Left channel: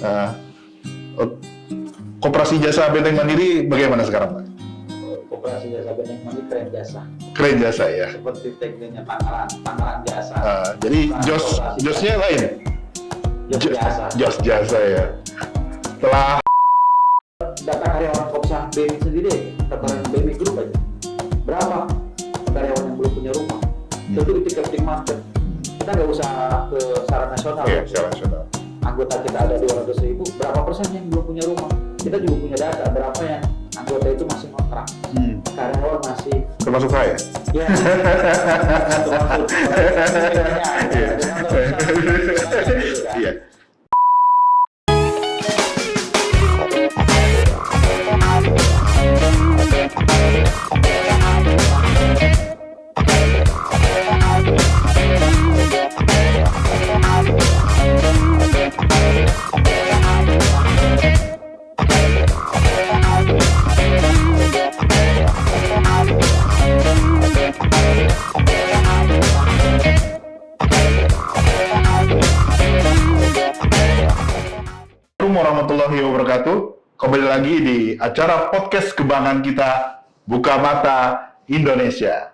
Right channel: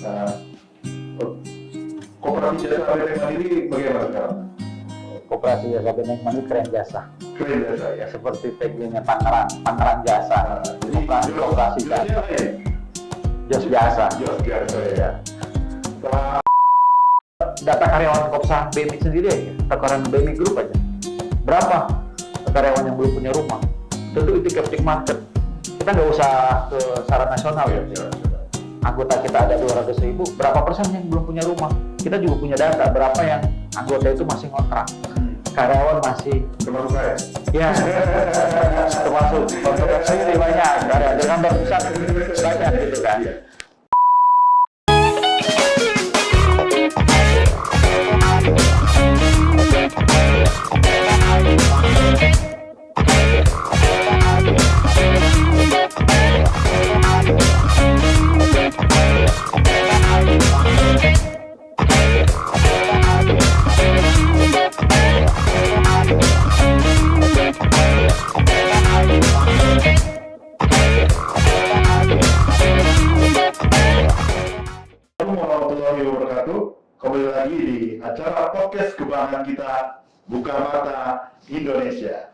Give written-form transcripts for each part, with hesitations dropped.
Uh, Koperasi Jasa Benteng Mandiri bagaimana sekarang, Pak? Koperasi Jasa Benteng Mandiri keren jasa. Keren jasa ya. Seperti tagline-nya Tangerang Jasa. Jadi josnya lain. Jos jasa. Jos jasa ya. Setelah data karyawan Kopsa BMI sendiri aja, takaran BMI Group aja. Berapa karyawan yang belum punya rumah? Tentu itu captive market. Kita nggak usah ke secara nasional. ya, secara nasional. Anggota kita ada 200.000, berapa persen yang belum punya rumah? Kita juga punya data berapa yang anggota itu masih ngontrak, karyawan masih Termasuk saya. ya termasuk banyak ya, dengan banyak gitu kan. Iya. Assalamualaikum warahmatullahi wabarakatuh. Kembali lagi di acara podcast kebanggaan kita, Buka Mata Indonesia.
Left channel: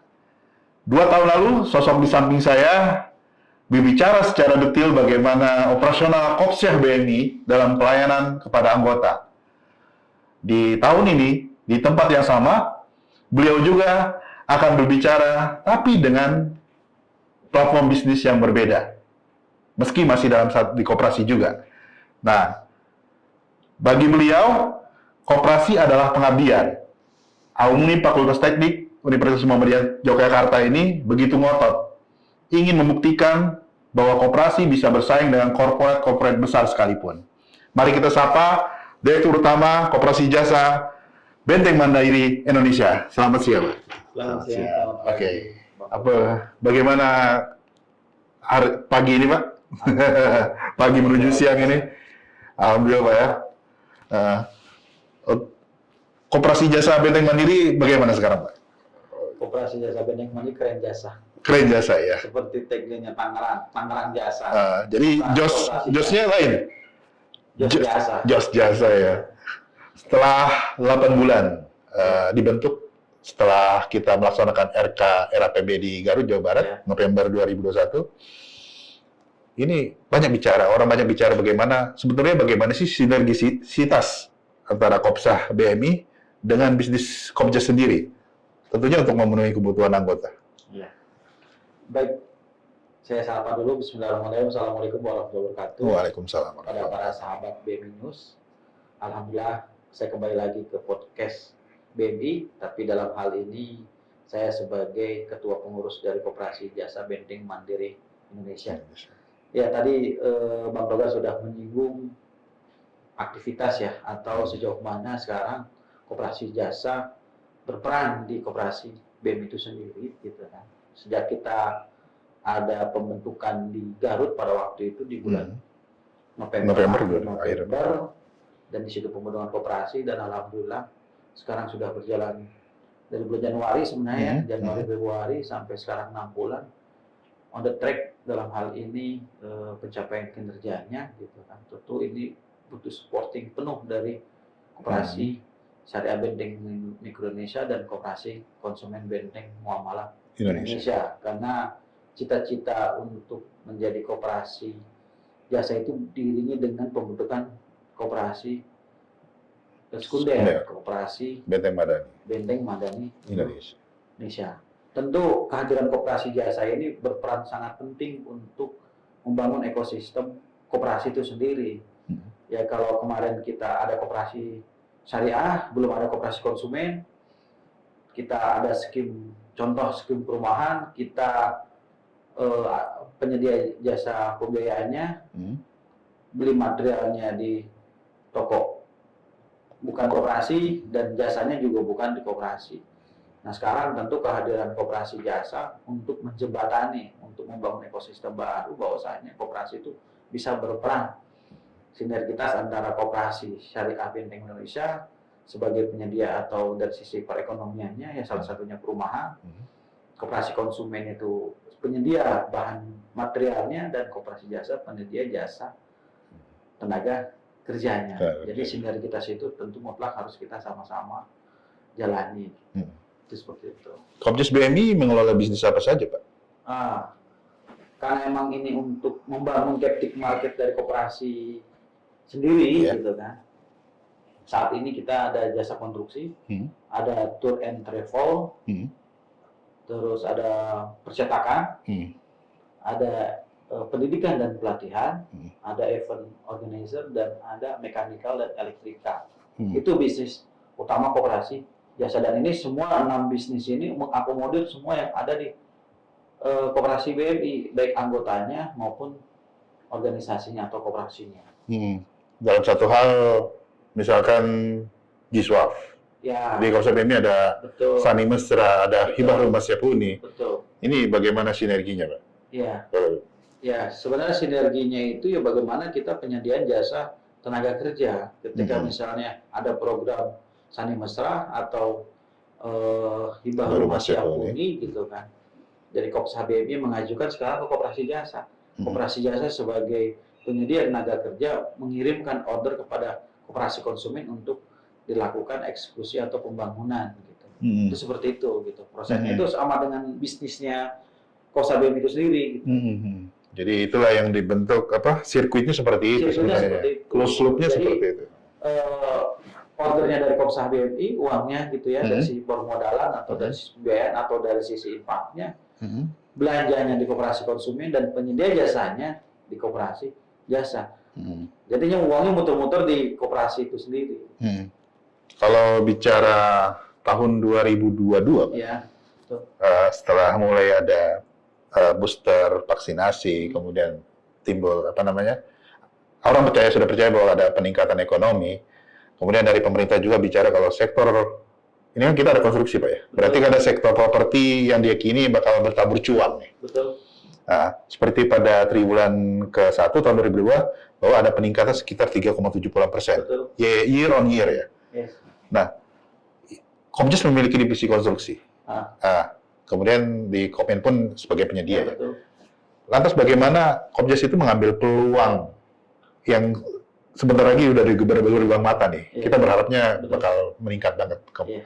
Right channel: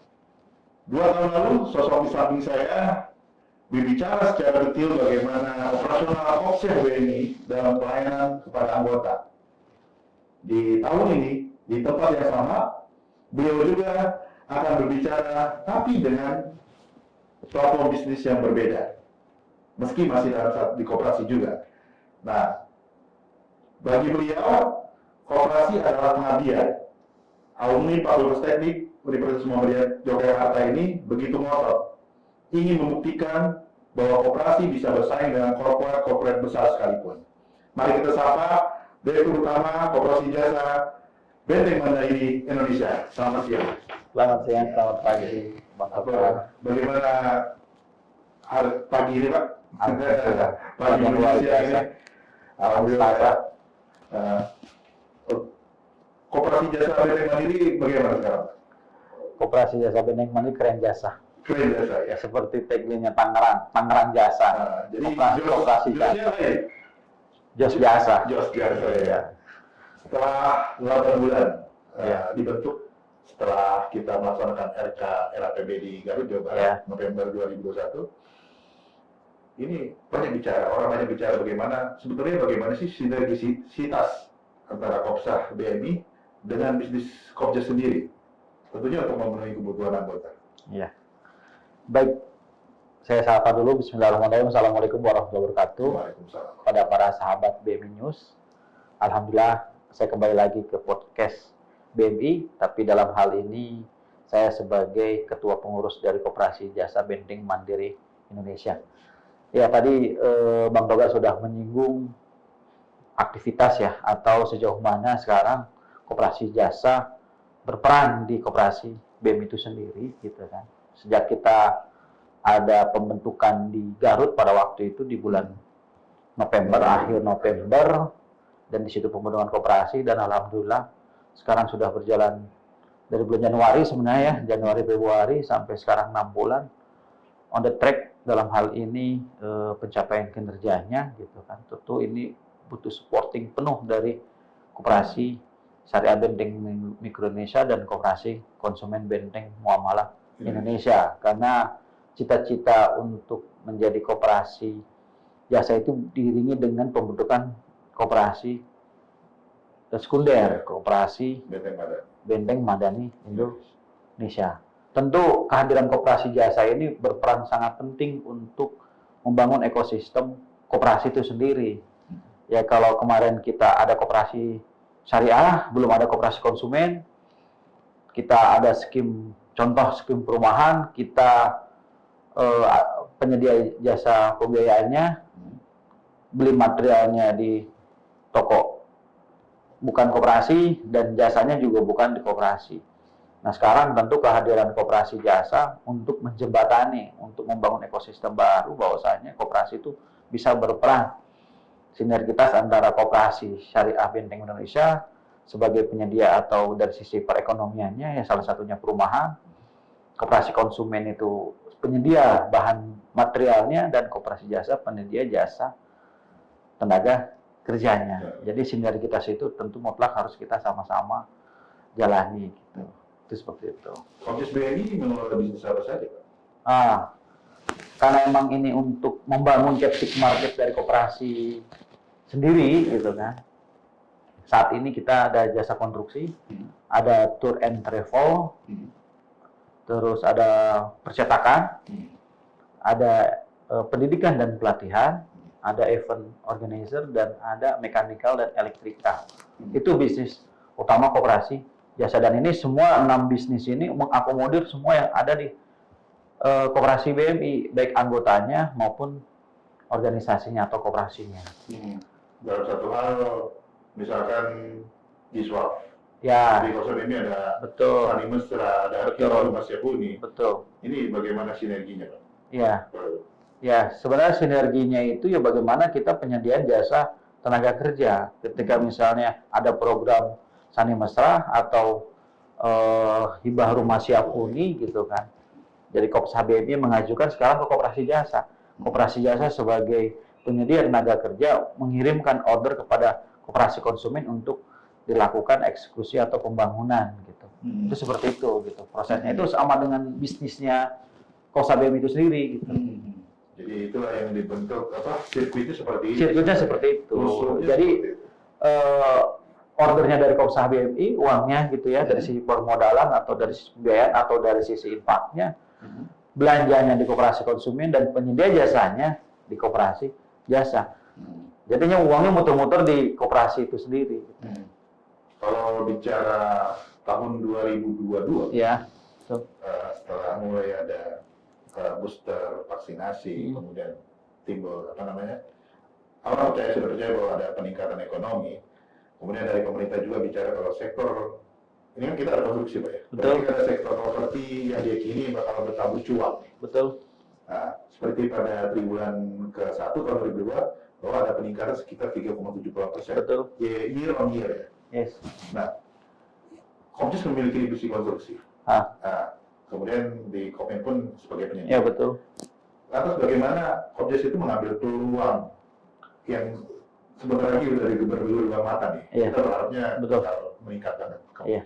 2 tahun lalu, sosok di samping saya berbicara secara detail bagaimana operasional Kopsyah BNI dalam pelayanan kepada anggota. Di tahun ini, di tempat yang sama, beliau juga akan berbicara, tapi dengan platform bisnis yang berbeda. Meski masih dalam di koperasi juga. Nah, bagi beliau, koperasi adalah pengabdian. Alumni Fakultas Teknik Universitas Muhammadiyah Yogyakarta ini begitu ngotot, ingin membuktikan bahwa koperasi bisa bersaing dengan korporat besar sekalipun. Mari kita sapa Direktur Utama Koperasi Jasa Benteng Mandiri Indonesia. Selamat siang, Pak. Selamat siang, selamat pagi. Bagaimana pagi ini, Pak? Pagi menuju siang ini. Alhamdulillah, Pak ya. Koperasi Jasa Benteng Mandiri bagaimana sekarang, Pak? Koperasi Jasa Benteng Mandiri keren jasa. Keren jasa ya. Seperti tagline-nya Tangerang Jasa. Jadi josnya lain. Jos jasa. Jos jasa ya. Setelah 8 bulan dibentuk, setelah kita melaksanakan RK RAPB di Garut, Jawa Barat, November 2021, ini orang banyak bicara bagaimana sih sinergisitas antara Kopsyah BMI dengan bisnis Kopsyah sendiri, tentunya untuk memenuhi kebutuhan anggota. Iya. Baik, saya sapa dulu. Bismillahirrahmanirrahim. Assalamualaikum warahmatullahi wabarakatuh. Waalaikumsalam. Pada para sahabat BMI News, alhamdulillah saya kembali lagi ke podcast BMI, tapi dalam hal ini saya sebagai ketua pengurus dari Koperasi Jasa Benteng Mandiri Indonesia. Ya, tadi Bang Toga sudah menyinggung aktivitas ya, atau sejauh mana sekarang Koperasi Jasa berperan di Koperasi BMI itu sendiri, gitu kan. Sejak kita ada pembentukan di Garut pada waktu itu di bulan akhir November, dan di situ pembentukan koperasi, dan alhamdulillah sekarang sudah berjalan dari bulan Januari sebenarnya, Januari Februari sampai sekarang 6 bulan on the track dalam hal ini pencapaian kinerjanya, gitu kan. Tentu ini butuh supporting penuh dari Koperasi Syariah Benteng Mikro Indonesia dan Koperasi Konsumen Benteng Muamalah Indonesia. Karena cita-cita untuk menjadi koperasi jasa itu diiringi dengan pembentukan koperasi sekunder, Koperasi Benteng Madani Indonesia. Tentu kehadiran koperasi jasa ini berperan sangat penting untuk membangun ekosistem koperasi itu sendiri. Ya, kalau kemarin kita ada koperasi syariah, belum ada koperasi konsumen, kita ada contoh skim perumahan, kita penyedia jasa pembiayaannya, beli materialnya di toko bukan koperasi, dan jasanya juga bukan di koperasi. Nah, sekarang tentu kehadiran koperasi jasa untuk menjembatani, untuk membangun ekosistem baru, bahwasanya koperasi itu bisa berperan sinergitas antara Koperasi Syariah Benteng Indonesia sebagai penyedia atau dari sisi perekonomiannya, ya salah satunya perumahan, Koperasi konsumen itu penyedia bahan materialnya, dan Koperasi jasa penyedia jasa tenaga kerjanya. Ya. Jadi sinergitas itu tentu mutlak harus kita sama-sama jalani. Itu seperti itu. Kopjas BMI mengelola bisnis apa saja, Pak? Karena emang ini untuk membangun captive market dari koperasi sendiri, gitu kan. Saat ini kita ada jasa konstruksi, ada tour and travel, terus ada percetakan, ada pendidikan dan pelatihan, ada event organizer, dan ada mechanical dan elektrikal. Itu bisnis utama koperasi jasa, dan ini semua 6 bisnis ini mengakomodir semua yang ada di koperasi BMI, baik anggotanya maupun organisasinya atau koperasinya. Dalam satu hal, misalkan Giswaf, Ya, di Koperasi BMI ada betul. Fani Mesra, ada Betul. Hibah Rumah Siapuni. Betul. Ini bagaimana sinerginya, Pak? Ya, ya sebenarnya sinerginya itu ya bagaimana kita penyediaan jasa tenaga kerja. Ketika misalnya ada program Sani Mesra atau Hibah Rumah Siapuni gitu kan. Jadi Koperasi BMI mengajukan sekarang ke Koperasi Jasa. Koperasi Jasa sebagai penyedia tenaga kerja mengirimkan order kepada koperasi konsumen untuk dilakukan eksekusi atau pembangunan gitu. Itu seperti itu gitu. Prosesnya itu sama dengan bisnisnya Koperasi BMI itu sendiri gitu. Jadi itulah yang dibentuk sirkuitnya seperti itu. Sirkuitnya seperti itu. Close loop-nya Jadi, seperti itu. Ordernya dari Koperasi BMI, uangnya gitu ya, dari sisi permodalan atau dari sisi pembiayaan atau dari sisi infaknya, belanjanya di koperasi konsumen, dan penyedia jasanya di koperasi jasa. Jadinya uangnya muter-muter di koperasi itu sendiri. Kalau bicara tahun 2022, Ya. Setelah mulai ada booster vaksinasi, kemudian timbul orang sudah percaya bahwa ada peningkatan ekonomi. Kemudian dari pemerintah juga bicara kalau sektor ini kan kita ada konstruksi, Pak ya. Berarti ada sektor properti yang diyakini bakal bertabur cuan. Betul. Nah, seperti pada triwulan ke-1 tahun 2002 bahwa ada peningkatan sekitar 3,78%. Betul. Year on year ya. Yes. Nah, Kopjas memiliki divisi konstruksi. Kemudian di Kopmen pun sebagai penyedia. Ya, betul. Lantas bagaimana Kopjas itu mengambil peluang yang sebentar lagi udah bergelombang mata nih. Ya. Kita berharapnya Betul. bakal meningkat banget Ya.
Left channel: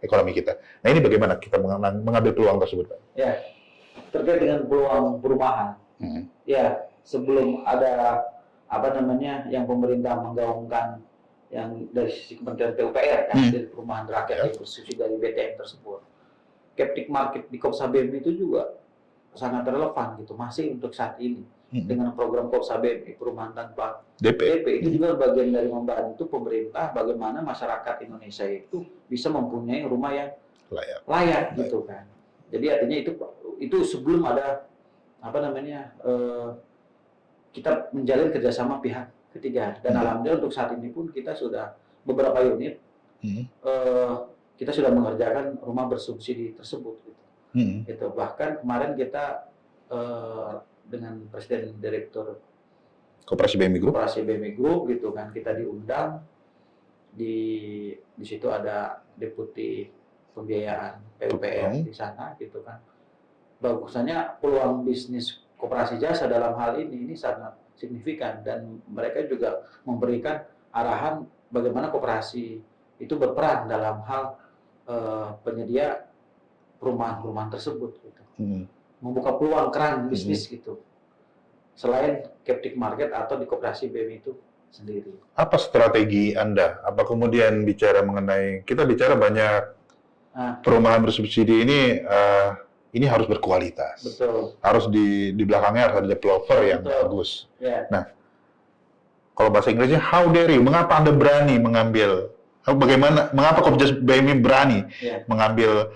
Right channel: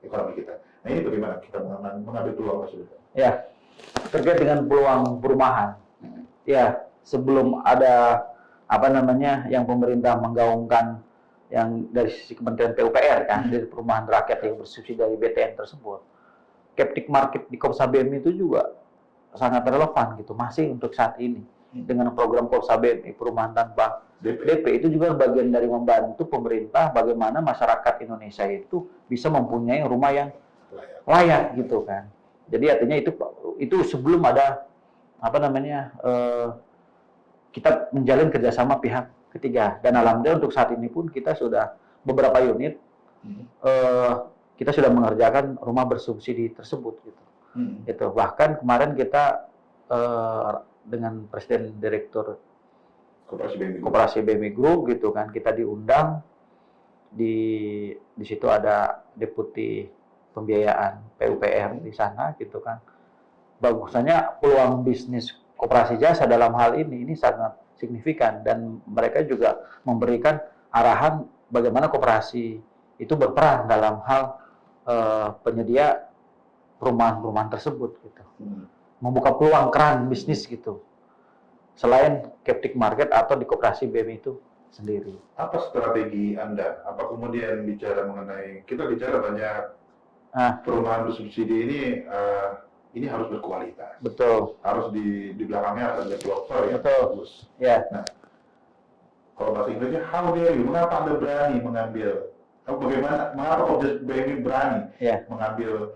ekonomi kita. Nah, ini bagaimana kita mengambil peluang tersebut, Pak? Ya, terkait dengan peluang perumahan. Ya, sebelum ada yang pemerintah menggaungkan yang dari sisi Kementerian PUPR kan, dari perumahan rakyat yang bersubsidi dari BTN tersebut. Captive market di Koperasi BMI itu juga sangat relevan gitu, masih untuk saat ini. Dengan program Koperasi BMI perumahan tanpa DP itu juga bagian dari membantu pemerintah bagaimana masyarakat Indonesia itu bisa mempunyai rumah yang layak gitu kan. Jadi artinya itu sebelum ada kita menjalin kerjasama pihak ketiga, dan alhamdulillah untuk saat ini pun kita sudah beberapa unit kita sudah mengerjakan rumah bersubsidi tersebut gitu. Itu bahkan kemarin kita dengan Presiden Direktur Koperasi BMI Group gitu kan, kita diundang di situ ada Deputi Pembiayaan PUPR di sana gitu kan. Bagusnya peluang bisnis koperasi jasa dalam hal ini sangat signifikan, dan mereka juga memberikan arahan bagaimana koperasi itu berperan dalam hal penyedia perumahan-perumahan tersebut gitu. Membuka peluang keran bisnis gitu. Selain captive market atau di koperasi BMI itu sendiri. Apa strategi Anda? Apa kemudian kita bicara banyak perumahan bersubsidi ini harus berkualitas. Betul. Harus di belakangnya harus ada developer yang bagus. Ya. Nah, kalau bahasa Inggrisnya how dare you? Mengapa Anda berani mengambil? Mengapa Kopjas BMI berani mengambil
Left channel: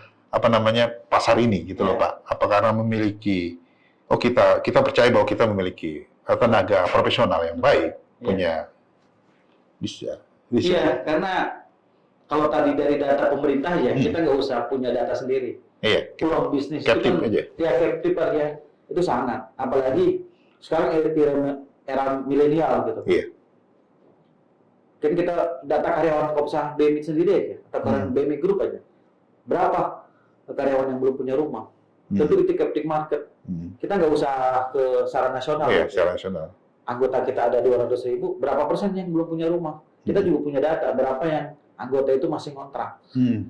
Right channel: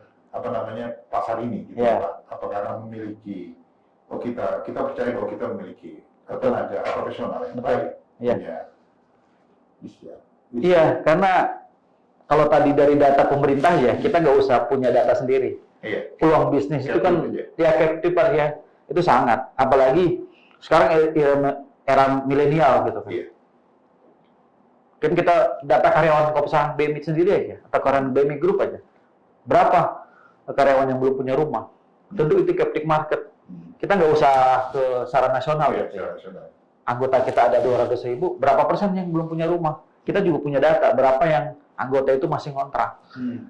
pasar ini gitu, Pak? Apa karena memiliki kita percaya bahwa kita memiliki tenaga profesional yang baik, punya bisa. Iya, karena kalau tadi dari data pemerintah kita nggak usah punya data sendiri. Iya. Peluang bisnis Captive itu kan aja. captive itu sangat, apalagi sekarang era milenial gitu. Iya. Kan kita data karyawan Koperasi BMI sendiri aja, atau karyawan BMI Group aja. Berapa karyawan yang belum punya rumah? Tentu itu captive market. Kita nggak usah ke secara nasional. Iya, secara nasional. anggota kita ada 200.000, berapa persen yang belum punya rumah? Kita juga punya data berapa yang anggota itu masih ngontrak,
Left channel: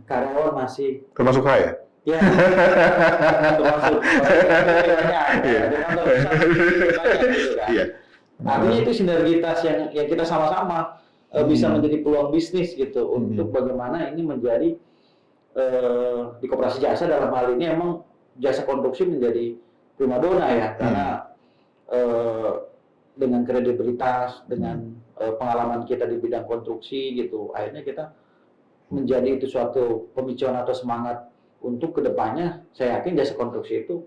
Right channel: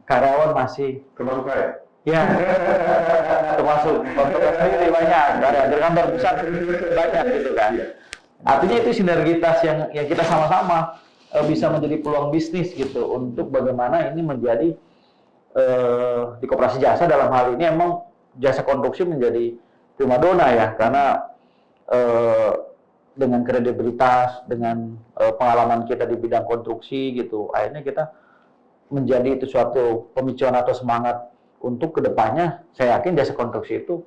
karyawan masih Termasuk saya. ya termasuk banyak, ya, di kantor besar banyak gitu kan. Iya. Artinya itu sinergitas yang kita sama-sama bisa menjadi peluang bisnis gitu untuk bagaimana ini menjadi di koperasi jasa dalam hal ini emang jasa konstruksi menjadi primadona ya karena dengan kredibilitas, dengan pengalaman kita di bidang konstruksi gitu, akhirnya kita menjadi itu suatu pemicuan atau semangat untuk kedepannya. Saya yakin jasa konstruksi itu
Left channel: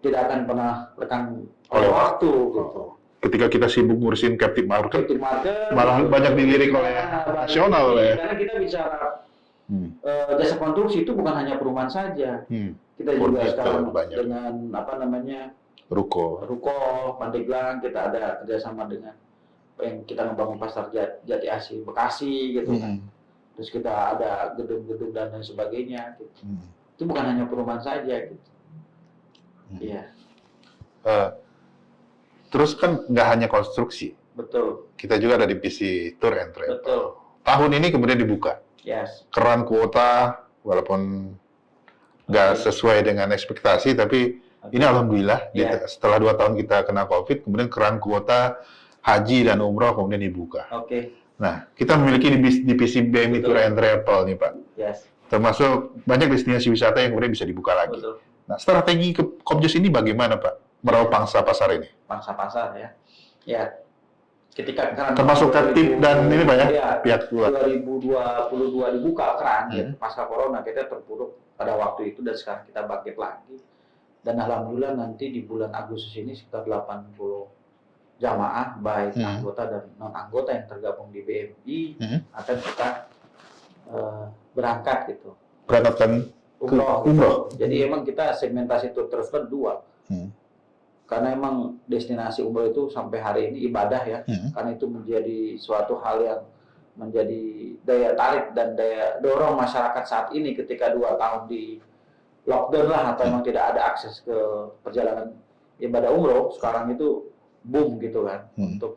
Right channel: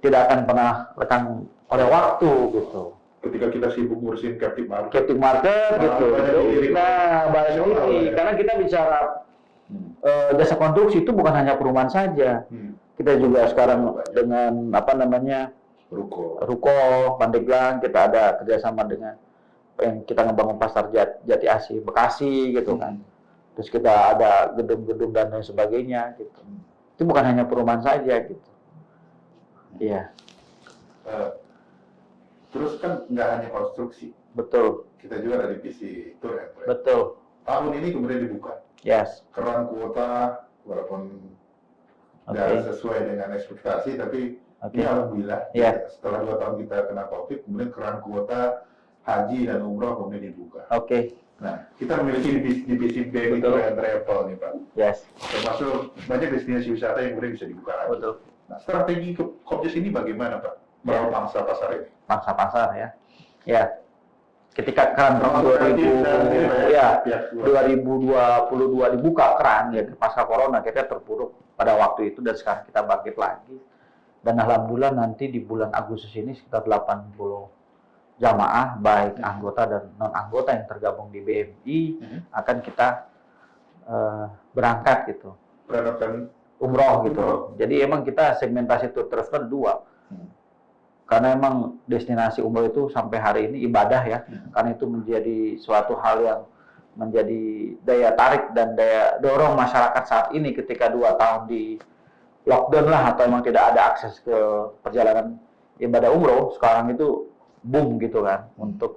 tidak akan pernah lekang oleh waktu gitu. Ketika kita sibuk ngurusin captive market, Captive market malah gitu. banyak dilirik oleh nasional ya. Karena kita bicara jasa konstruksi itu bukan hanya perumahan saja. Kita juga sekarang banyak. dengan apa namanya Ruko. Pandeglang, kita ada kerjasama dengan yang kita ngebangun pasar Jati Asih Bekasi gitu kan. Terus kita ada gedung-gedung dan lain sebagainya gitu. Itu bukan hanya perumahan saja gitu. Iya. Terus kan nggak hanya konstruksi, Betul. kita juga ada divisi tour and trade. Betul. Tahun ini kemudian dibuka. Yes. Keran kuota, walaupun nggak sesuai dengan ekspektasi, tapi ini alhamdulillah setelah 2 tahun kita kena COVID, kemudian keran kuota haji dan umroh kemudian dibuka. Nah, kita memiliki divisi BMI Tour and Travel nih Pak. Yes. Termasuk banyak destinasi wisata yang kemudian bisa dibuka lagi. Betul. Nah, strategi Kopjus ini bagaimana Pak? Meraup pangsa pasar ini? Pangsa pasar ya. Ya. Ketika keran Termasuk tertib dan ini Pak ya, pihak luar. 2022 dibuka keran gitu, pasca corona kita terpuruk pada waktu itu dan sekarang kita bangkit lagi. Dan alhamdulillah nanti di bulan Agustus ini sekitar 80 jamaah baik anggota dan non anggota yang tergabung di BMI akan kita berangkat gitu. Berangkatkan Umroh gitu. Jadi emang kita segmentasi tour travel 2. Karena emang destinasi umroh itu sampai hari ini ibadah ya. Karena itu menjadi suatu hal yang menjadi daya tarik dan daya dorong masyarakat saat ini ketika 2 tahun di lockdown lah atau emang tidak ada akses ke perjalanan ibadah umroh. Sekarang itu boom gitu kan untuk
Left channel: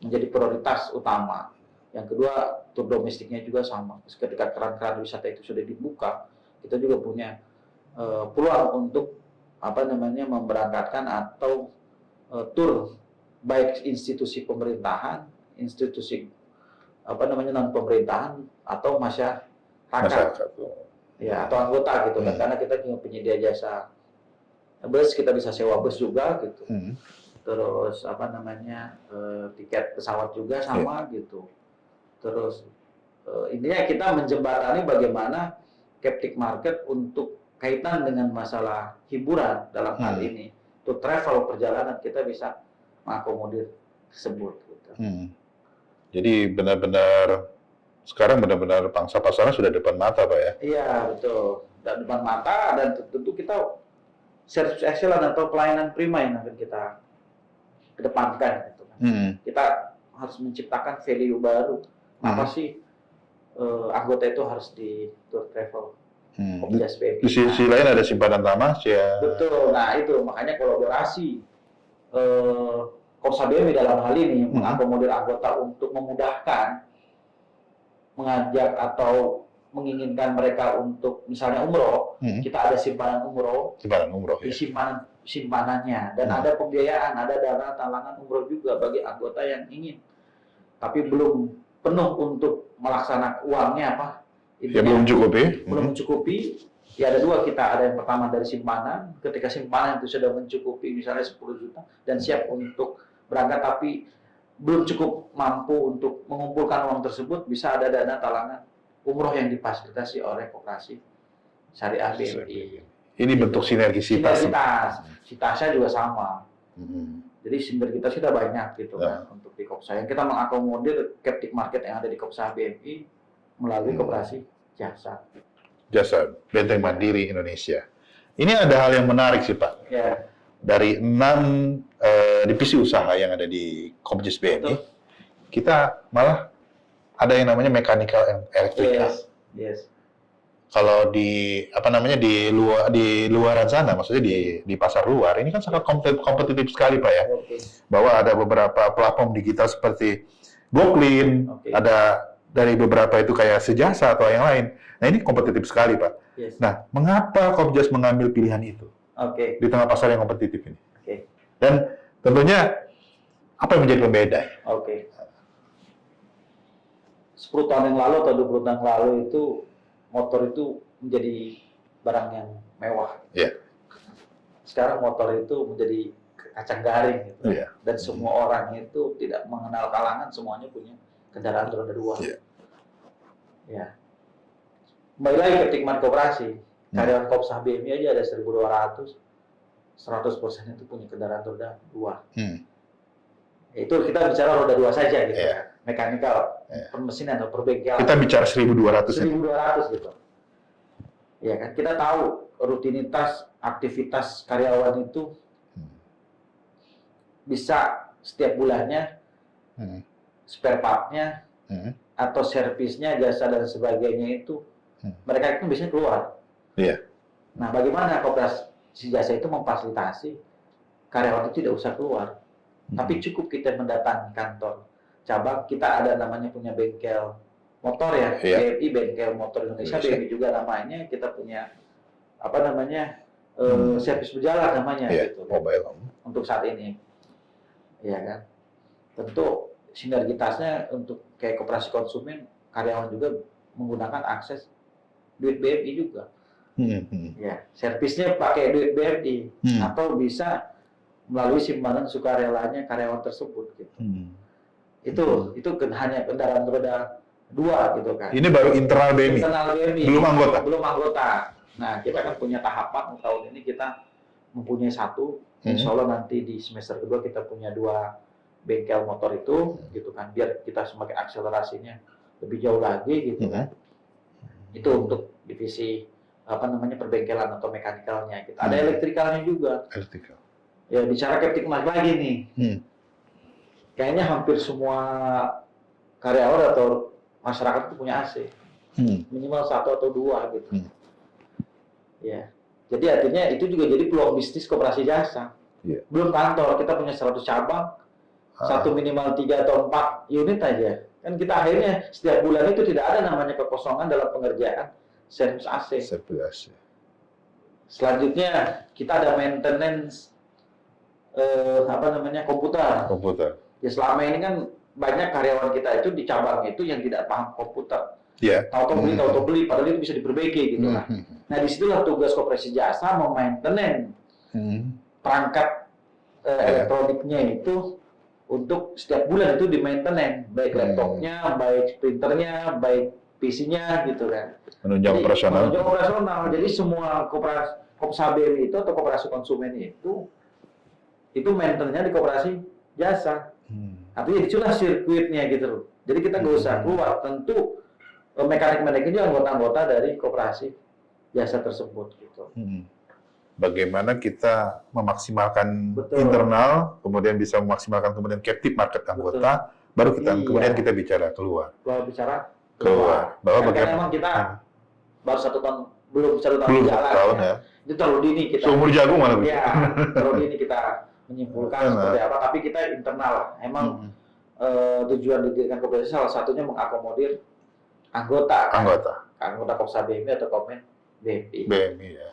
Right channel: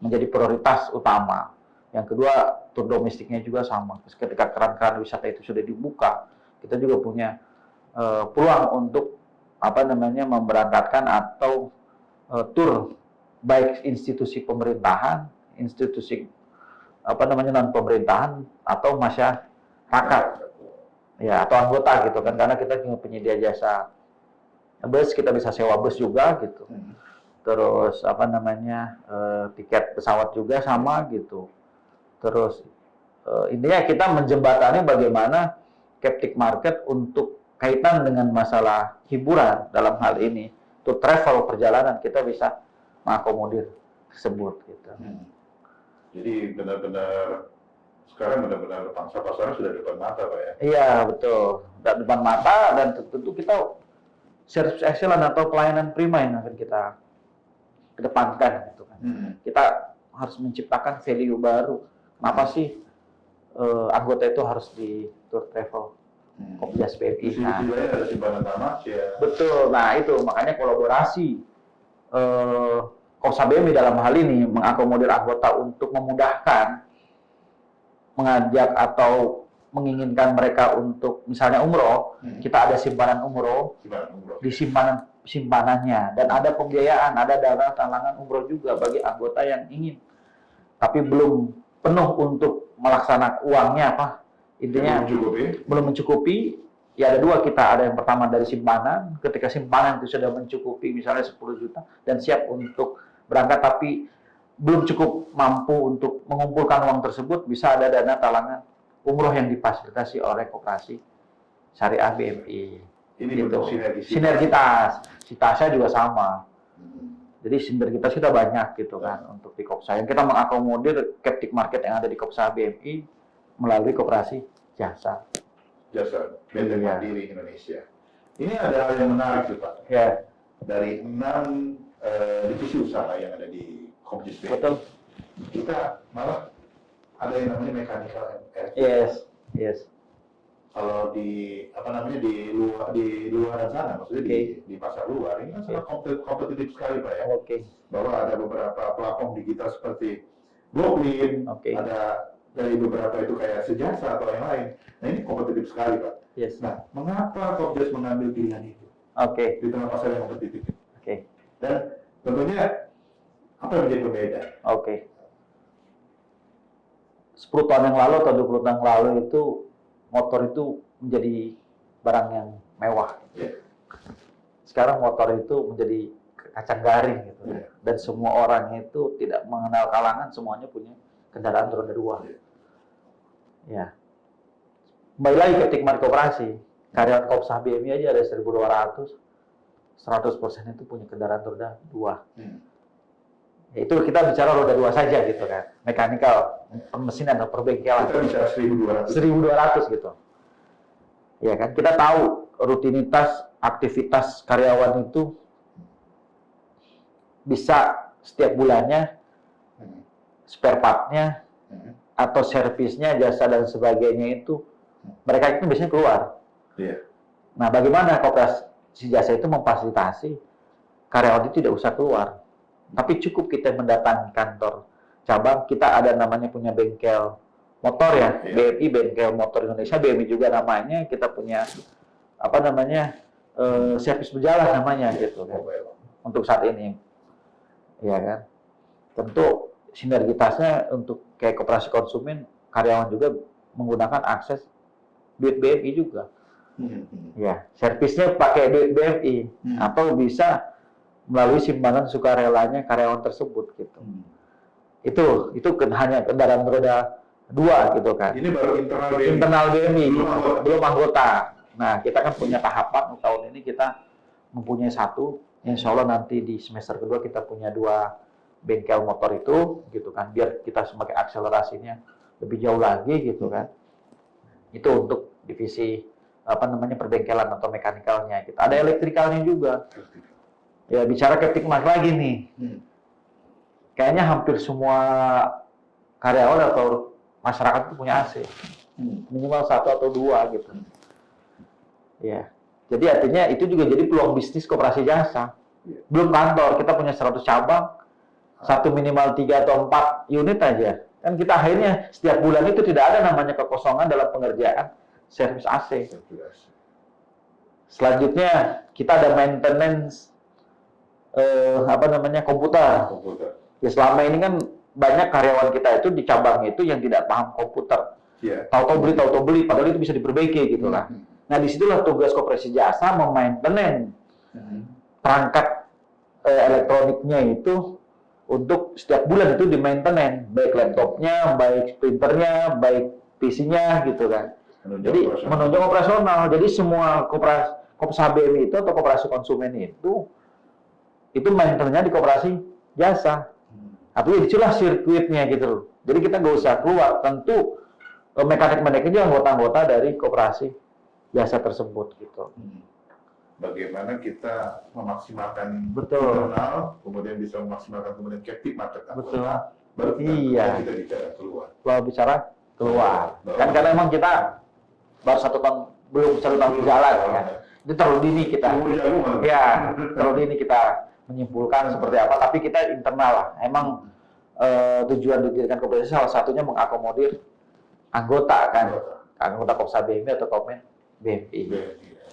menjadi prioritas utama. Yang kedua, tur domestiknya juga sama. Ketika keran-keran wisata itu sudah dibuka, kita juga punya peluang untuk memberangkatkan atau tur baik institusi pemerintahan, institusi non pemerintahan atau masyarakat. Ya, atau anggota gitu kan, karena kita punya penyedia jasa bus, kita bisa sewa bus juga gitu. Terus tiket pesawat juga sama gitu. Terus intinya kita menjembatani bagaimana captive market untuk kaitan dengan masalah hiburan dalam hal ini. Untuk travel perjalanan kita bisa mengakomodir tersebut gitu. Jadi benar-benar sekarang benar-benar pangsa pasarnya sudah depan mata Pak ya? Iya betul, depan mata dan tentu kita service excellence atau pelayanan prima yang akan kita kedepankan gitu kan. Kita harus menciptakan value baru. Apa sih anggota itu harus di tour travel? Di sisi lain ada simpanan tanah ya. Betul. Nah itu makanya kolaborasi Kopsa BMI dalam hal ini mengakomodir anggota untuk memudahkan mengajak atau menginginkan mereka untuk misalnya umroh, kita ada simpanan umroh di simpanannya dan ada pembiayaan, ada dana talangan umroh juga bagi anggota yang ingin tapi belum penuh untuk melaksanakan uangnya intinya belum mencukupi. Ya ada 2, kita ada yang pertama dari simpanan, ketika simpanan itu sudah mencukupi misalnya 10 juta dan siap untuk berangkat tapi belum cukup mampu untuk mengumpulkan uang tersebut, bisa ada dana talangan umroh yang difasilitasi oleh Koperasi Syariah BMI. Ini gitu. Bentuk sinergitas. Sitasnya juga sama. Jadi sinergitas kita banyak gitu kan untuk di Kopsa. Yang kita mengakomodir captive market yang ada di Kopsa BMI melalui Koperasi Jasa Benteng Mandiri Indonesia. Ini ada hal yang menarik sih Pak. Ya. Dari 6 divisi usaha yang ada di Kopjus BMI, kita malah ada yang namanya mechanical and electrical. Yes. kalau di di luaran sana, maksudnya di pasar luar, ini kan sangat kompetitif sekali Pak ya. Oke. Bahwa ada beberapa platform digital seperti Blockly, Oke. ada dari beberapa itu kayak Sejasa atau yang lain. Nah ini kompetitif sekali Pak. Yes. Nah, mengapa Kopjas mengambil pilihan itu Oke. di tengah pasar yang kompetitif ini? Oke. Dan tentunya apa yang menjadi pembeda? Oke. 10 tahun yang lalu atau 20 tahun yang lalu itu motor itu menjadi barang yang mewah. Iya. Sekarang motor itu menjadi kacang garing gitu. Iya. Dan semua orang itu tidak mengenal kalangan, semuanya punya kendaraan roda 2. Iya. Ya. Kembali lagi ke Tikman Koperasi. Karyawan Kopsa BMI aja ada 1.200, 100% itu punya kendaraan roda 2. Itu kita bicara roda 2 saja gitu kan. Mekanikal, permesinan atau perbengkelan. Kita bicara 1.200. 1.200 gitu. Ya kan, kita tahu rutinitas aktivitas karyawan itu bisa setiap bulannya spare part-nya atau servisnya, jasa dan sebagainya itu mereka itu biasanya keluar. Iya. Nah, bagaimana Koperasi Jasa itu memfasilitasi karyawan itu tidak usah keluar, tapi cukup kita mendatangi kantor cabang. Kita ada namanya punya bengkel motor ya, Iya. BMI Bengkel Motor Indonesia, BMI juga namanya. Kita punya apa namanya servis berjalan namanya gitu kan, Mobile. untuk saat ini, ya kan. Tentu sinergitasnya untuk kayak koperasi konsumen, karyawan juga menggunakan akses duit BMI juga. Ya, servisnya pakai duit BMI atau bisa melalui simpanan sukarelanya karyawan tersebut gitu. Itu hanya kendaraan roda 2 gitu kan. Ini baru internal BMI. Internal BMI. Belum anggota. Nah, kita kan punya tahapan. Tahun ini kita mempunyai 1. Insya Allah nanti di semester kedua kita punya 2 bengkel motor itu gitu kan. Biar kita semakin akselerasinya lebih jauh lagi gitu kan. Itu untuk divisi perbengkelan atau mekanikalnya. Kita ada elektrikalnya juga. Elektrikal. Ya, bicara ke Tikman lagi nih. Kayaknya hampir semua karyawan atau masyarakat itu punya AC. Minimal 1 atau 2 gitu. Ya. Jadi artinya itu juga jadi peluang bisnis Koperasi Jasa. Belum kantor, kita punya 100 cabang. Satu minimal 3 atau 4 unit aja. Kan kita akhirnya setiap bulan itu tidak ada namanya kekosongan dalam pengerjaan servis AC. Selanjutnya kita ada maintenance komputer. Ya, selama ini kan banyak karyawan kita itu di cabang itu yang tidak paham komputer. Tahu-tahu beli, padahal itu bisa diperbaiki gitu lah. Nah, disitulah tugas Koperasi Jasa memaintenance perangkat elektroniknya itu untuk setiap bulan itu di maintenance, baik laptopnya, baik printernya, baik PC-nya gitu kan. Menunjang operasional. Jadi semua Kopsa BMI itu atau koperasi konsumen itu maintenance-nya di Koperasi Jasa. Artinya itulah sirkuitnya gitu loh. Jadi kita nggak usah keluar. Tentu mekanik-mekanik itu anggota-anggota dari Koperasi Jasa tersebut gitu. Bagaimana kita memaksimalkan internal, kemudian bisa memaksimalkan kemudian captive market anggota, baru kemudian kita bicara keluar. Karena memang kita baru 1 tahun, belum 1 tahun di jalan ya. Itu terlalu dini kita. Sumur jagung mana? Ya, terlalu dini kita menyimpulkan seperti apa. Tapi kita internal lah. Emang tujuan didirikan Koperasi salah satunya mengakomodir anggota kan. Anggota Kopsa BMI atau Kopmen BMI. Ya.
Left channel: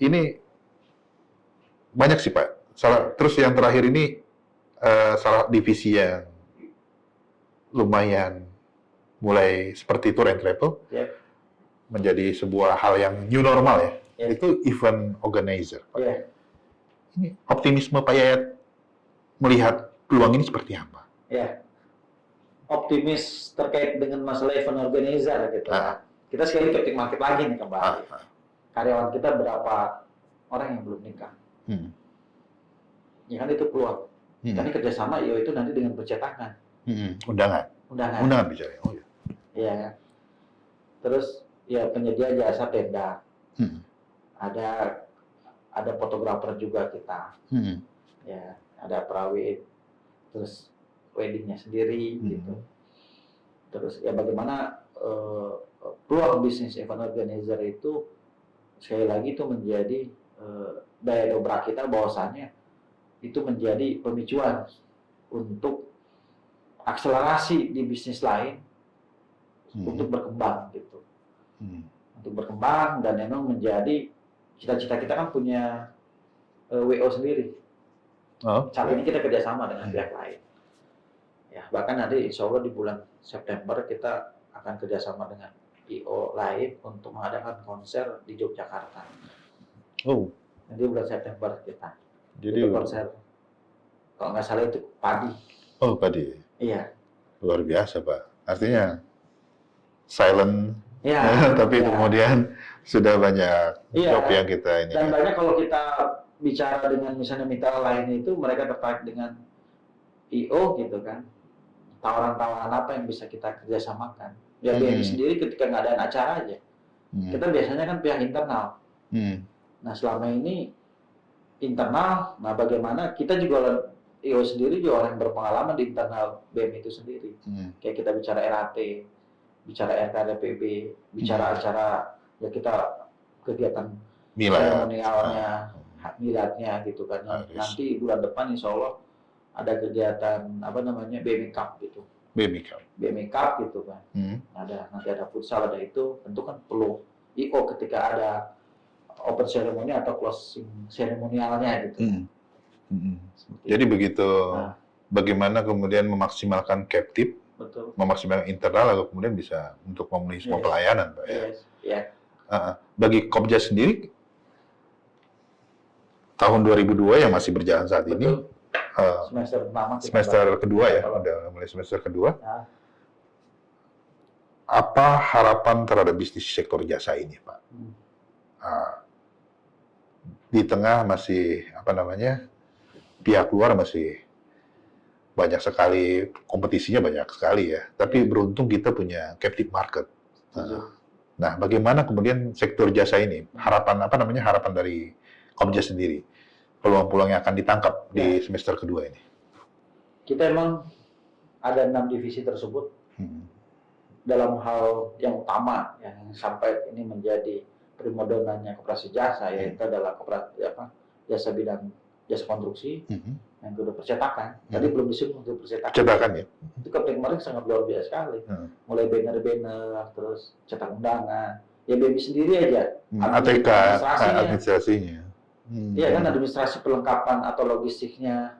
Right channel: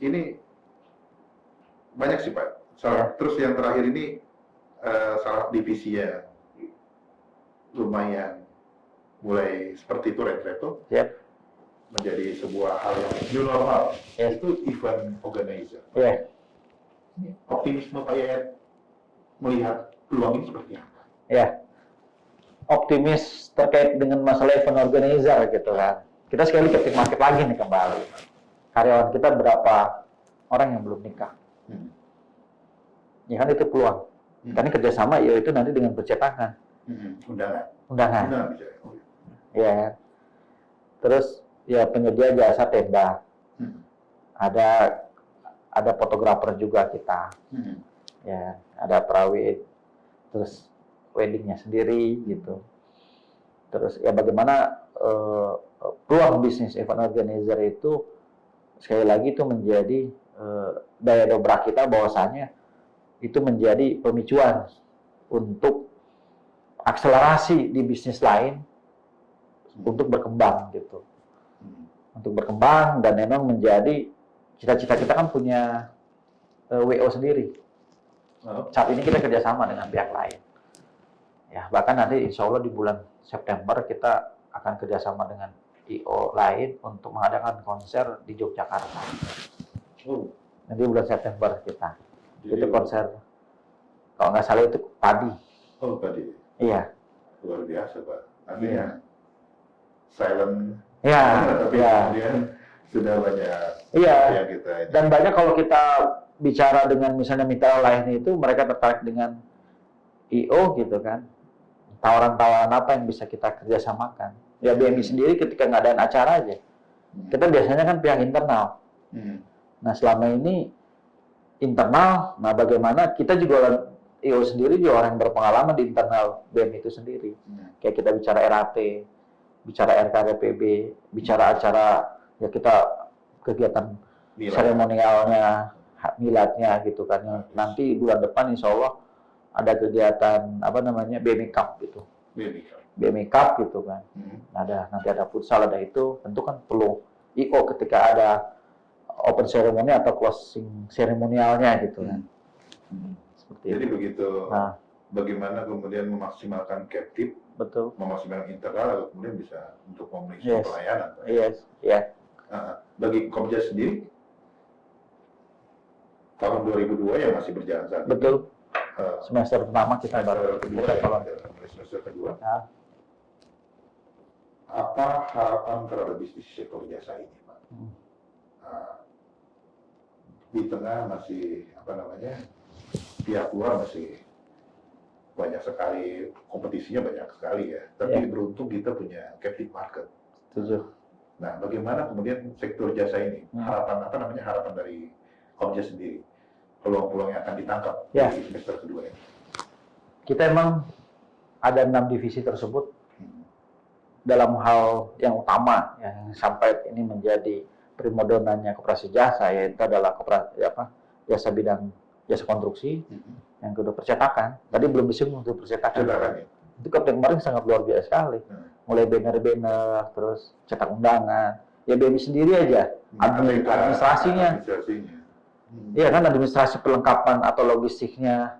Ini banyak sih Pak. Terus yang terakhir ini salah divisi yang lumayan mulai seperti tour and travel menjadi sebuah hal yang new normal ya. Itu event organizer. Ini optimisme Pak Yayat melihat peluang ini seperti apa? Ya, optimis terkait dengan masalah event organizer gitu kan. Kita sekali ke market lagi nih kembali. Karyawan kita berapa orang yang belum nikah? Ya kan itu peluang. Karena kerjasama yaitu nanti dengan percetakan. Undangan bicara. Ya. Terus ya penyedia jasa tenda. Ada fotografer juga kita. Ya, ada perawit. Terus weddingnya sendiri gitu. Terus ya bagaimana peluang bisnis event organizer itu sekali lagi itu menjadi daya dobrak kita, bahwasannya itu menjadi pemicuan untuk akselerasi di bisnis lain untuk berkembang gitu. Untuk berkembang, dan memang menjadi cita-cita kita kan punya WO sendiri. Saat ini kita kerjasama dengan pihak lain. Ya, bahkan nanti insya Allah di bulan September kita akan kerjasama dengan IO lain untuk mengadakan konser di Yogyakarta. Nanti bulan September kita. Jadi itu konser, kalau nggak salah itu padi. padi. Iya. Luar biasa, Pak. Artinya silent, Iya. tapi kemudian sudah banyak job yang kita ini. Dan banyak kalau kita bicara dengan misalnya mitra lain itu, mereka tertarik dengan IO gitu kan. Tawaran-tawaran apa yang bisa kita kerjasamakan. Ya BMI sendiri ketika ngadain acara aja, kita biasanya kan pihak internal. Nah selama ini internal, nah bagaimana kita juga IO sendiri juga orang yang berpengalaman di internal BMI itu sendiri. Kayak kita bicara RAP, bicara RKPB, bicara acara ya kita kegiatan seremonialnya, miladnya gitu kan. Nanti bulan depan insya Allah ada kegiatan apa namanya BMI Cup gitu. BMI Cup gitu kan. Nanti ada futsal, ada itu. Tentu kan perlu IO ketika ada open ceremony atau closing seremonialnya gitu. Jadi begitu. Bagaimana kemudian memaksimalkan captive, betul, memaksimalkan internal, lalu kemudian bisa untuk memenuhi semua pelayanan, Pak. Bagi Kopjas sendiri, tahun 2002 yang masih berjalan saat ini, semester pertama, semester kedua ya, mulai semester kedua. Apa harapan terhadap bisnis sektor jasa ini, Pak? Di tengah masih pihak luar masih banyak sekali, kompetisinya banyak sekali ya. Tapi beruntung kita punya captive market. Nah, bagaimana kemudian sektor jasa ini? Harapan dari Kopjas sendiri, peluang-peluang yang akan ditangkap di semester kedua ini. Kita emang ada 6 divisi tersebut dalam hal yang utama yang sampai ini menjadi primadonanya koperasi jasa, yaitu adalah jasa bidang jasa konstruksi, yang kedua percetakan. Tadi belum disinggung untuk percetakan ya. Itu kemarin sangat luar biasa sekali. Mulai banner-banner, terus cetak undangan. Ya BMI sendiri aja. Administrasinya. Iya kan, administrasi perlengkapan atau logistiknya.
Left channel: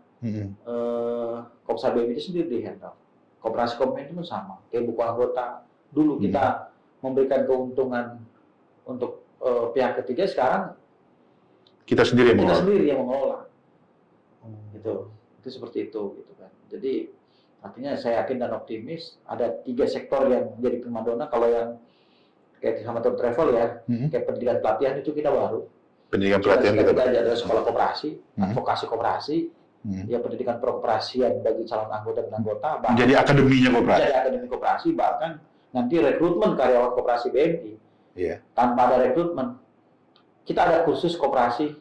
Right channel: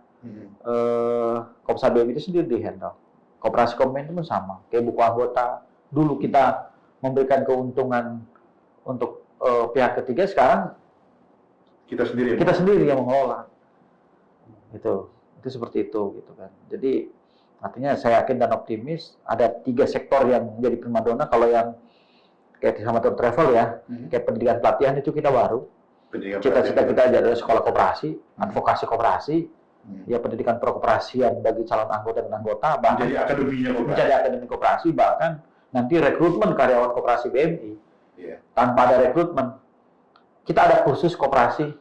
Kopsa BMI itu sendiri di-handle. Koperasi Komen itu pun sama. Kayak buku anggota. Dulu kita memberikan keuntungan untuk pihak ketiga, sekarang kita sendiri yang mengelola. Gitu. Itu seperti itu gitu kan. Jadi artinya saya yakin dan optimis ada 3 sektor yang jadi primadona. Kalau yang kayak sama travel ya, kayak pendidikan pelatihan itu kita baru. Pendidikan pelatihan kita ada sekolah koperasi, advokasi koperasi, ya pendidikan perkoperasian bagi calon anggota dan anggota. Jadi akademinya koperasi. Jadi akademi koperasi, bahkan nanti rekrutmen karyawan koperasi BMI. Tanpa ada rekrutmen, kita ada kursus koperasi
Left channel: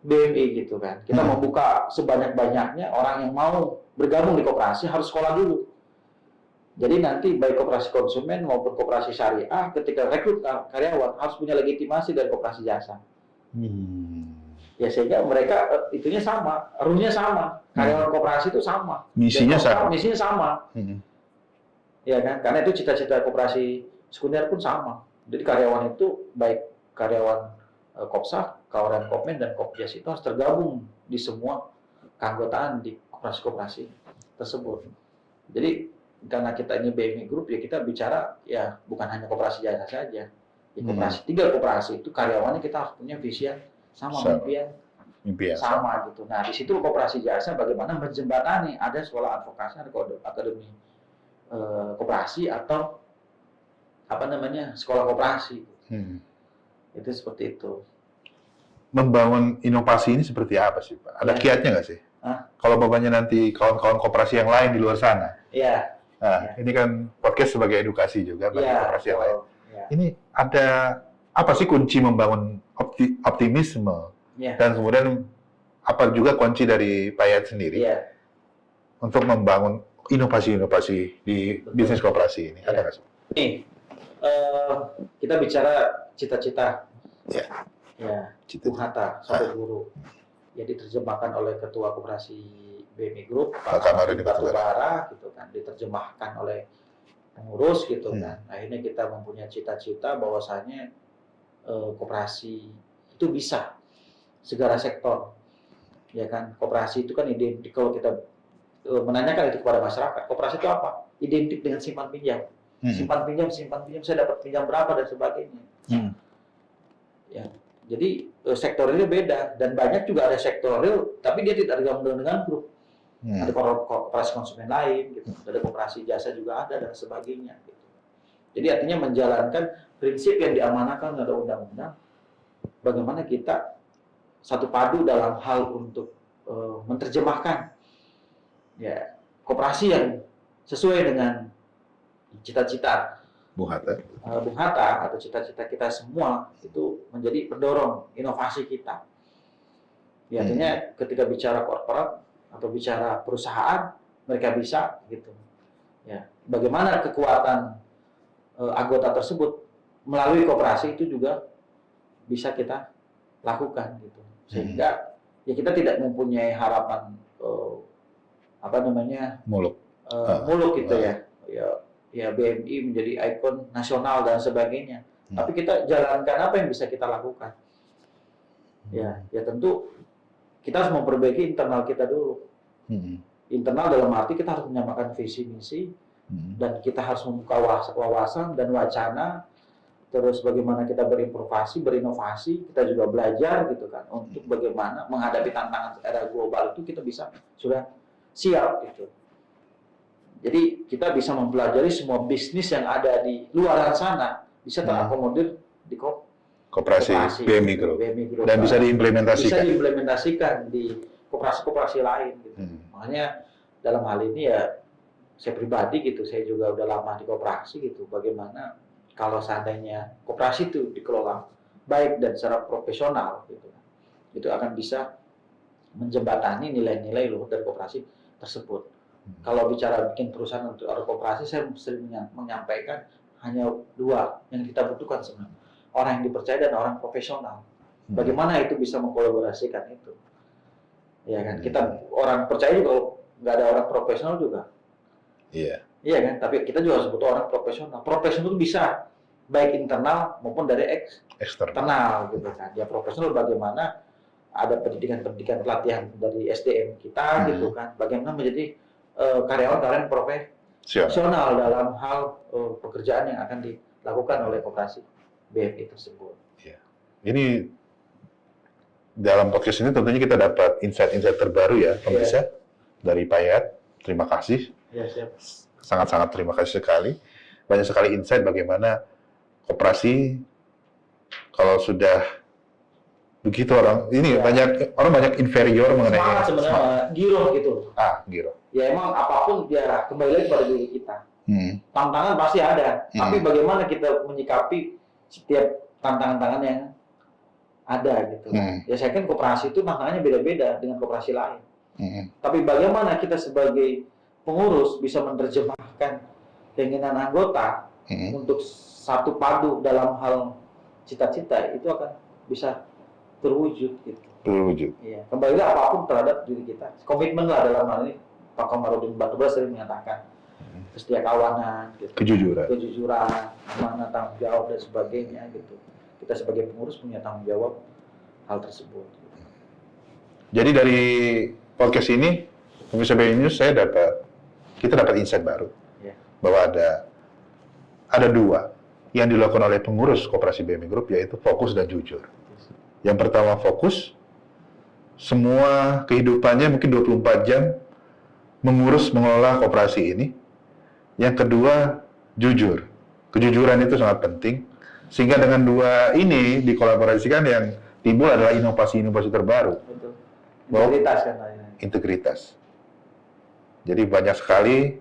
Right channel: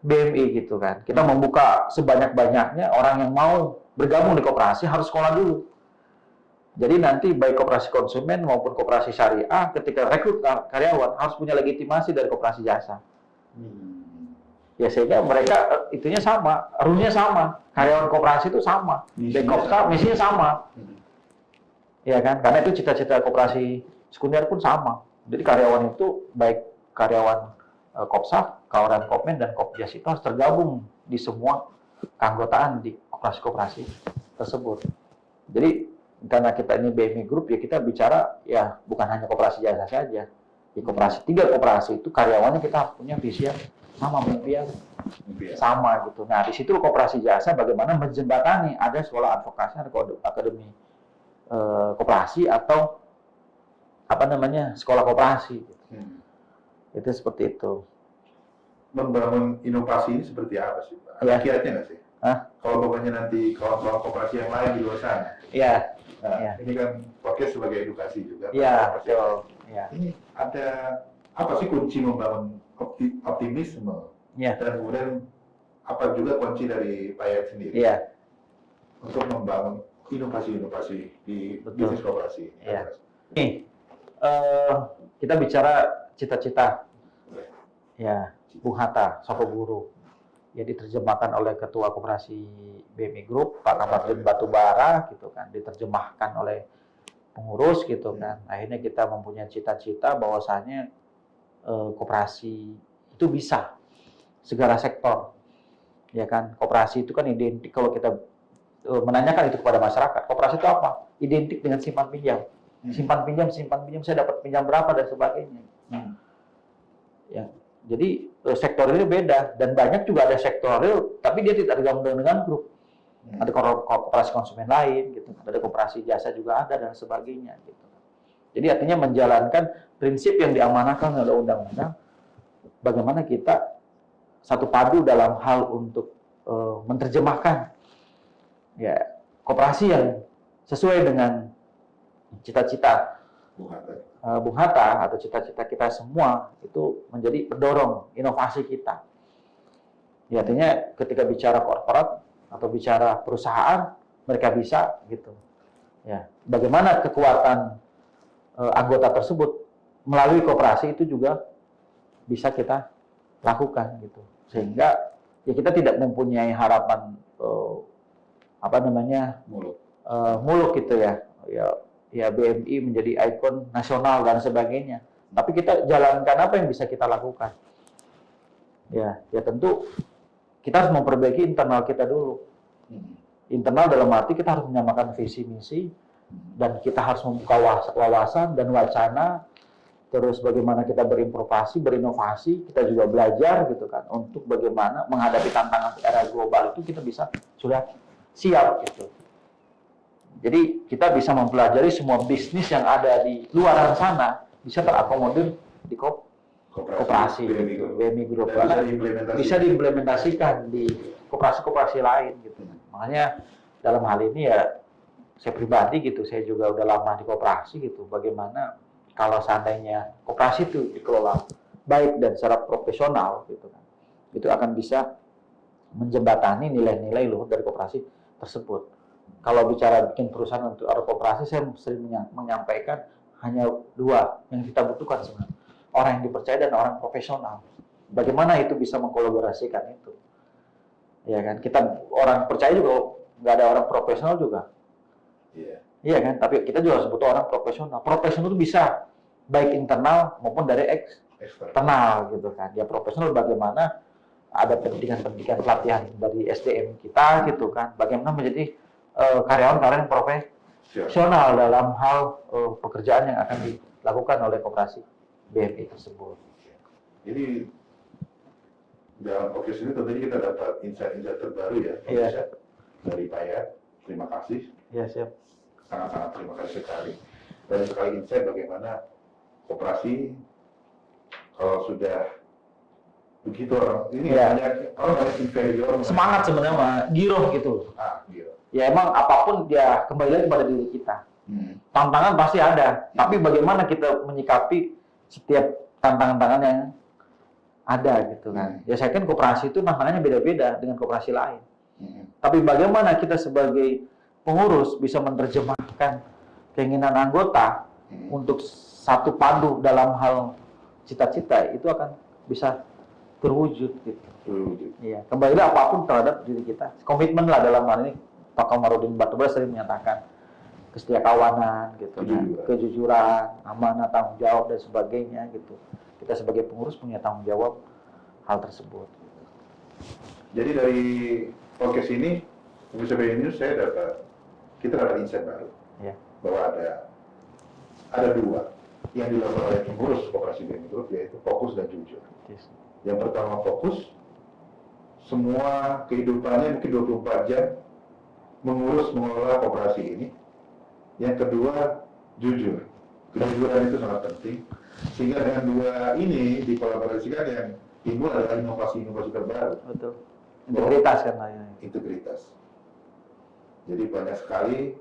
BMI gitu kan. Kita membuka sebanyak-banyaknya orang yang mau bergabung di koperasi harus sekolah dulu. Jadi nanti baik koperasi konsumen maupun koperasi syariah ketika rekrut karyawan harus punya legitimasi dari koperasi jasa. Ya sehingga mereka itunya sama, rule-nya sama. Karyawan koperasi itu sama. Misinya sama. Ya kan? Karena itu cita-cita koperasi sekunder pun sama. Jadi karyawan itu baik karyawan Kopsaf, kawaran Kopmen, dan Kopjas itu harus tergabung di semua keanggotaan di koperasi-koperasi tersebut. Jadi karena kita ini BMI Group, ya kita bicara ya bukan hanya koperasi jasa saja. Di koperasi 3 koperasi itu karyawannya kita harus punya visi yang sama, mimpi sama gitu. Nah di situ koperasi jasa bagaimana menjembatani, ada sekolah advokasi, ada akademi koperasi atau sekolah koperasi. Itu seperti itu. Membangun inovasi ini seperti apa sih, Pak? Ada kiatnya nggak sih? Kalau bapaknya nanti kawan-kawan koperasi yang lain di luar sana. Ini kan podcast sebagai edukasi juga, Pak. Koperasi yang lain. Ini ada apa sih kunci membangun optimisme? Dan kemudian apa juga kunci dari Pak Yayat sendiri untuk membangun inovasi-inovasi di bisnis koperasi ini? Ada nggak sih? Nih, kita bicara cita-cita. Ya. Ya, Cita-cita. Bung Hatta, Sopo Guru. Yang diterjemahkan oleh Ketua Koperasi BMI Group, Pak Kamarudin Batubara, gitu kan. Diterjemahkan oleh pengurus, gitu kan. Akhirnya kita mempunyai cita-cita bahwasanya koperasi itu bisa segala sektor. Ya kan, koperasi itu kan identik, kalau kita menanyakan itu kepada masyarakat, koperasi itu apa? Identik dengan simpan pinjam. Simpan pinjam, saya dapat pinjam berapa dan sebagainya. Ya, jadi sektor real beda, dan banyak juga ada sektor real, tapi dia tidak tergabung dengan grup. Ada koperasi konsumen lain, gitu. Ada koperasi jasa juga ada dan sebagainya. Gitu. Jadi artinya menjalankan prinsip yang diamanahkan oleh undang-undang, bagaimana kita satu padu dalam hal untuk menerjemahkan ya koperasi yang sesuai dengan cita-cita Bung Hatta atau cita-cita kita semua, itu menjadi pendorong inovasi kita. Ya, artinya ketika bicara korporat atau bicara perusahaan, mereka bisa gitu. Ya, bagaimana kekuatan anggota tersebut melalui koperasi itu juga bisa kita lakukan gitu. Sehingga ya kita tidak mempunyai harapan muluk gitu ya. Ya BMI menjadi ikon nasional dan sebagainya. Tapi kita jalankan apa yang bisa kita lakukan. Ya tentu kita harus memperbaiki internal kita dulu. Internal dalam arti kita harus menyamakan visi misi, dan kita harus membuka wawasan dan wacana. Terus bagaimana kita berinovasi, kita juga belajar gitu kan, untuk bagaimana menghadapi tantangan era global itu kita bisa sudah siap gitu. Jadi kita bisa mempelajari semua bisnis yang ada di luar sana bisa terakomodir di koperasi BMI Group. Dan bisa diimplementasikan di koperasi-koperasi lain gitu. Makanya dalam hal ini ya saya pribadi gitu, saya juga udah lama di koperasi gitu. Bagaimana kalau seandainya koperasi itu dikelola baik dan secara profesional gitu, itu akan bisa menjembatani nilai-nilai luhur dari koperasi tersebut. Kalau bicara bikin perusahaan untuk koperasi, saya sering menyampaikan hanya dua yang kita butuhkan sebenarnya, orang yang dipercaya dan orang profesional. Bagaimana itu bisa mengkolaborasikan itu? Ya kan, kita orang percaya juga, nggak ada orang profesional juga. Iya kan, tapi kita juga harus butuh orang profesional. Profesional itu bisa baik internal maupun dari eksternal gitu kan. Ya profesional bagaimana ada pendidikan pelatihan dari SDM kita gitu kan. Bagaimana menjadi karyawan profesional dalam hal pekerjaan yang akan dilakukan oleh koperasi BMI tersebut. Ini dalam podcast ini tentunya kita dapat insight-insight terbaru ya, pemirsa, dari Pak Yayat. Terima kasih. Ya, siap. Sangat-sangat terima kasih sekali. Banyak sekali insight bagaimana koperasi kalau sudah begitu banyak inferior mengenai semangat sebenarnya, giroh gitu. Giroh. Ya emang apapun dia kembali lagi pada diri kita. Tantangan pasti ada, tapi bagaimana kita menyikapi setiap tantangan-tantangan yang ada gitu. Ya saya kan koperasi itu tantangannya beda-beda dengan koperasi lain. Tapi bagaimana kita sebagai pengurus bisa menerjemahkan keinginan anggota untuk satu padu dalam hal cita-cita, itu akan bisa terwujud gitu. Iya, kembali apapun terhadap diri kita. Komitmen lah dalam hal ini. Pak Kamarudin Batubara sering menyatakan kesetiakawanan, gitu, kejujuran, amanah, tanggung jawab dan sebagainya gitu. Kita sebagai pengurus punya tanggung jawab hal tersebut. Jadi dari podcast ini, pemirsa BMI News, kita dapat insight baru bahwa ada dua yang dilakukan oleh pengurus koperasi BMI Group, yaitu fokus dan jujur. Yang pertama fokus, semua kehidupannya mungkin 24 jam mengelola koperasi ini. Yang kedua, jujur. Kejujuran itu sangat penting, sehingga dengan dua ini dikolaborasikan, yang timbul adalah inovasi-inovasi terbaru. Betul. Integritas kan Pak. Integritas. Jadi banyak sekali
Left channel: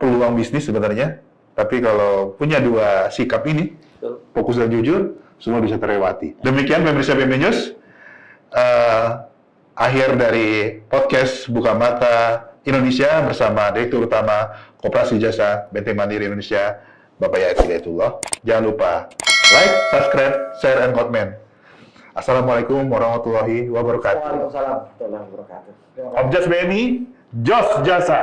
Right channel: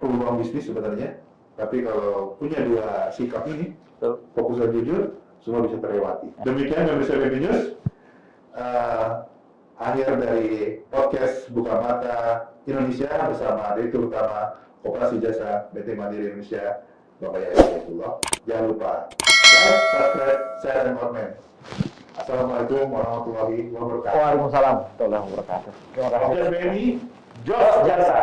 peluang bisnis sebenarnya, tapi kalau punya dua sikap ini, fokus dan jujur, semua bisa terlewati. Demikian pemirsa BMI News, akhir dari podcast Buka Mata Indonesia bersama Direktur Utama Koperasi Jasa Benteng Mandiri Indonesia, Bapak Yayat Hidayatullah. Jangan lupa like, subscribe, share, and comment. Assalamualaikum warahmatullahi wabarakatuh. Waalaikumsalam warahmatullahi wabarakatuh. Objas BNI, Jos Jasa.